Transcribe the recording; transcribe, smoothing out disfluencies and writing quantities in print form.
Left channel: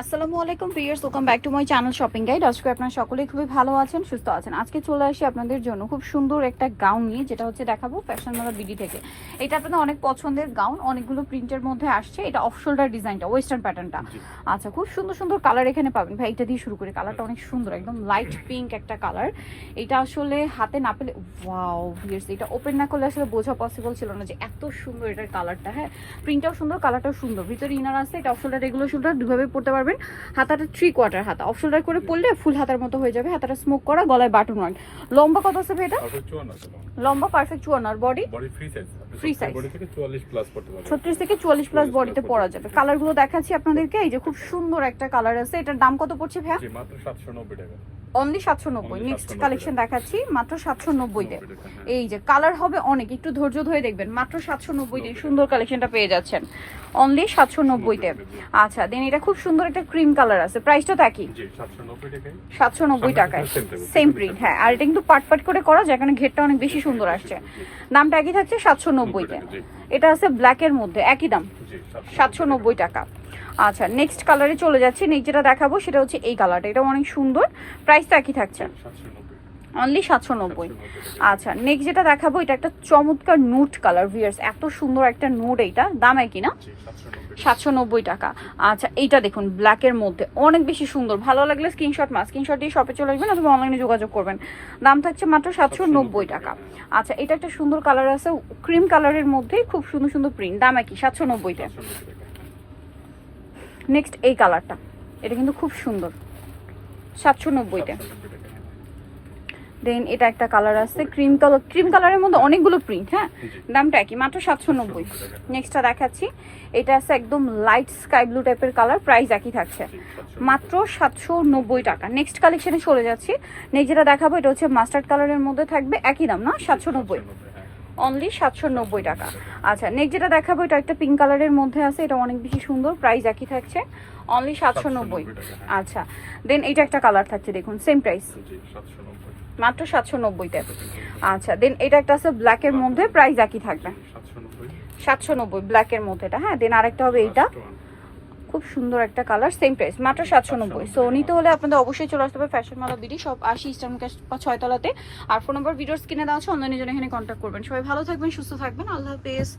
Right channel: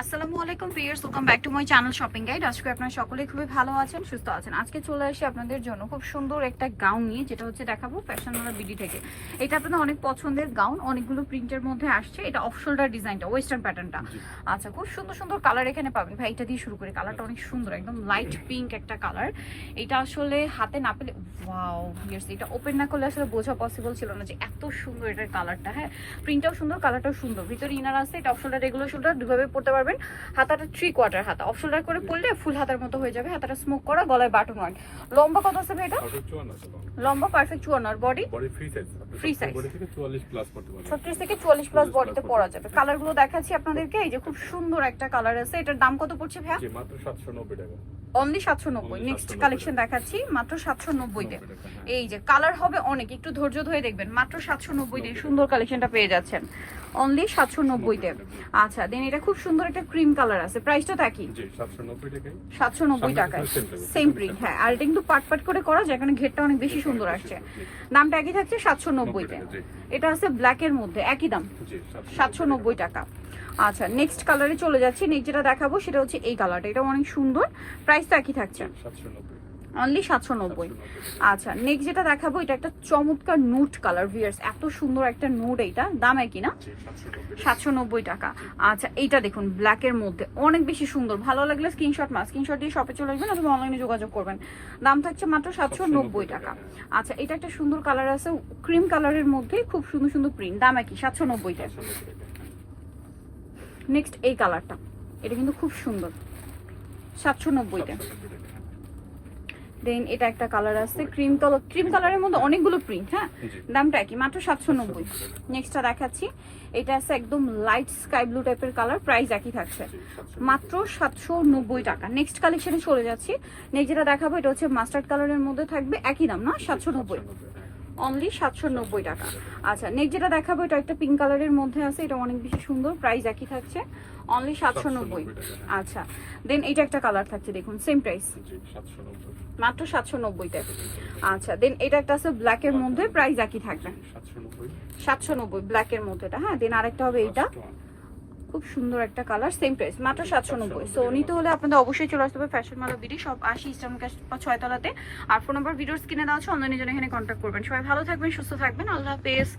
আসসালামু আলাইকুম viewers, welcome back to my channel shopping guide. আজকে আপনারা সকলেই খুবই ভালো আছেন, সুস্থ আছেন। আজকে চলে আসি আপনাদের জন্য খুব সুন্দর একটা গাউন নিয়ে, যেটা হচ্ছে দেখাবো ফ্যাশন মালা বিডি থেকে। এটা আপনাদের অনেক পছন্দের গাউন, অনেকগুলো প্রিন্টের মধ্যে আসছে। এটা অফ শোল্ডার ডিজাইনটা, ওয়েস্টার্ন প্যাটার্নটা। আচ্ছা, খুব সুন্দর সুন্দর কালার এখানে পাবেন। ভাই এটা দিয়ে শুরু করি, কালারটা অনেক সুন্দর, একদম লাইট পিঙ্ক একটা কালার। এটা আসলে হাতে না পেলে ওয়াও ভিউয়ার্স, এটা ওপেন না করলে আসলে বোঝা পসিবল ছিল না যে এত সুন্দর এটার কালারটা। হ্যাঁ, প্রিন্টটাও সুন্দর, কালারটাও সুন্দর। ভিতরে ইনার আছে, এটা অফ শোল্ডার, রেগুলার শোল্ডার দুভাবে পড়তে পারবেন। হাতাটা 3/4 হাতা, অফ শোল্ডার করে পরলে ফুল হাতার মতো হয়ে যাবে। হাতাটা স্মোক করা, গলায় বাটন ওয়ার্ক। লম্বা কত আছে এটা? লম্বা পারফেক্ট 54, আর body free size. Free size body থেকে 44 প্লাস পড়তে পারবে, 36 থেকে 44 প্লাস বডিতে পরা যাবে। কালারগুলো দেখাচ্ছি আপনাদেরকে। এই যে খুব সুন্দর একটা কালার আছে, এটার দাম কত পড়ছে ভাই? জি মাত্র 790 টাকা, অনলি 790। নেক্সট কালেকশন দেখাচ্ছি মাত্র 790 তে। এই যে কালার হবে অনেক, একটু ধৈর্য ধরে দেখবেন। মাত্র 790 তে সুন্দর কালেকশনটা পেয়ে যাচ্ছেন, অনলি 790 তে। আচ্ছা, দেন এটা খুব সুন্দর একটা ক্রিম কালার আছে, প্রাইসটা তো একই। জি 790 টাকায়, 790 টাকায় সেম প্রিন্ট। হ্যাঁ, আর এটা কিন্তু পাট পাট করে করা যায়, কারণ ঘেরটা অনেক বেশি সুন্দর আসছে। দামটা একই থাকছে 790 তে। এটা আছে ব্ল্যাক এর মধ্যে, একই দাম 790 টাকা। আচ্ছা, নেক্সট কালারে চলে যাচ্ছি। নেক্সট যেটা দেখাবো সেটা হচ্ছে এই কালারটা, এটা অনেক সুন্দর, প্রাইসটা একই থাকছে অনলি 790। আচ্ছা, নেক্সট যেটা দেখাবো এটা একটা চমৎকার নুট কালার ভিউয়ার্স, এত সুন্দর একটা নুট। এইটা দাম একই না, 790 টাকা। আচ্ছা, এইটা দেখুন ব্ল্যাকের মধ্যে অনেক বেশি সুন্দর, ভালো লাগলে স্ক্রিনশট দিয়ে শপে চলে আসবেন অথবা অনলাইনে যোগাযোগ করবেন। দাম থাকছে মাত্র 790 টাকা। আচ্ছা, এটা একটা সুন্দর কালার আছে, ক্রিম কালারের মধ্যে খুব সুন্দর সুন্দর প্রিন্ট, দাম একই 790 টাকা। নেক্সট এই কালারটা, এটা কিন্তু খুব সুন্দর, 790 টাকা। দেন এটা একটা কালার আছে ক্রিম কালার, ক্রিম কালারের মধ্যে অনেকগুলো প্রিন্ট। হ্যাঁ, দামটা একই মাত্র 790। নেক্সটটা দেখাচ্ছি, এটা আছে একদম লাইট স্কাই ব্লু টাইপের কালার, প্রাইস একই থাকছে মাত্র 790 টাকা। নেক্সট কালেকশনে চলে যাচ্ছি। নেক্সট যেটা দেখাবো এটা হচ্ছে মাস্টার্ড কালারের মধ্যে থাকবে, একই দাম না, 790, অনলি 790 টাকা। আচ্ছা, নেক্সট যেটা দেখাবো এটা একটা পিঙ্ক কালারের মধ্যে আছে, এটা অনেক বেশি সুন্দর, প্রাইস একই থাকছে অনলি 790। আচ্ছা, দেন এটা একটা কালার থাকছে, দেখুন সেম প্রাইস মাত্র 790 টাকা। আচ্ছা, দেন এটা একটা আছে ব্ল্যাক এর মধ্যে, প্রাইস একই থাকবে 790 ব্ল্যাক এর মধ্যে এটা। হ্যাঁ, দেন আরেকটা হবে এইটা, খুব সুন্দর একটা কালার, সেম প্রাইস মাত্র 790। সো নিতে হলে আপনাদের অবশ্যই চলে আসতে হবে ফ্যাশন মালা বিডি, সব 80 ইস্টার্ন ক্যাশ 6 তলাতে। আর ফোন নাম্বার ভিডিওস কিনে দেওয়া আছে, অনলাইনে জন্য এখানে কন্ট্যাক্ট করবেন। সবাই ভালো থাকবেন, সুস্থ থাকবেন, আল্লাহ হাফেজ।